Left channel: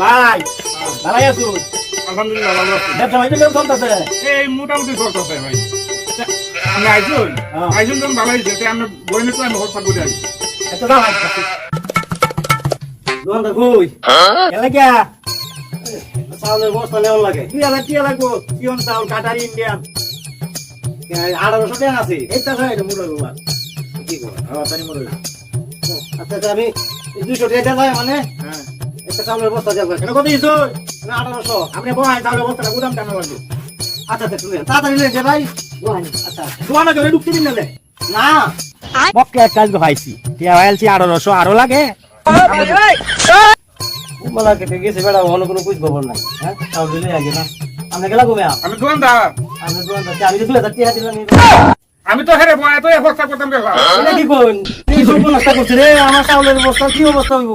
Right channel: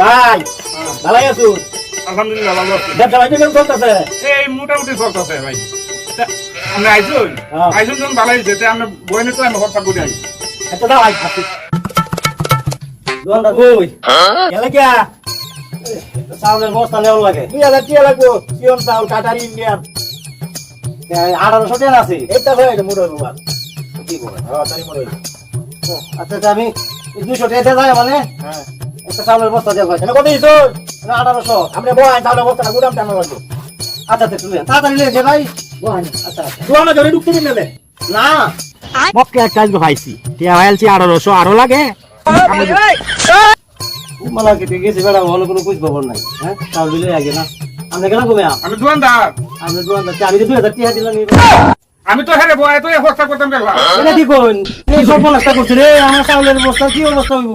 ভাই ভালাই আছো? আলহামদুলিল্লাহ ভালো আছি। ব্যবসা বাণিজ্য কেমন চলতেছে? এই মোটামুটি চলতেছে ভাই। আমরা আইসুন যখন ভালো হয়েছে আমরা বইনে তো আমি কথা বলে আনি। আচ্ছা দাও আই খাচ্ছি। দোকানদার কই? গেলে কিয়া? চাউলের বস্তা নেওয়া লাগে। 2000 টাকা লাগবো। পিওন চাউল কাটারি ইন্ডিয়ান। 1800 টাকা আছে। এটা ভাই মুড়ই বাবা। কি বলে? তাড়াতাড়ি মুড়ই। আচ্ছা আচ্ছা আমি 200 টাকা দেয় মানে? হ্যাঁ। একটা চাউলের বস্তা দেব। কেন কত দিছো? 1800। আপনি বলেন চাউলের বস্তা গুদাম টানা লাগবে। আচ্ছা আচ্ছা তুই তাড়াতাড়ি লে ভাই। বলেন আচ্ছা। দোকানে ধরে ঢুকতে দিন মেলে। না। মক্কে এক কাজ পাইছি। টিয়া হইলছি 1800 আরো লাগে। মানে কেটে গেছে বেড়া হলো কোনো কুছ খবর নাই। হ্যাঁ? চাউল দিলে আগে না। আপনি গেলা ঘুমে আপ। আমি দোকানদার। আমি দোকানদার আমি 2000 টাকা দিলাম। আমি তো হেরে বয় তো অবস্থা করতাম গেলাম। এটা কি কোন? কি সব বলাটা করছিস রে? আমার চাউলের বস্তা কি অবস্থা হইব?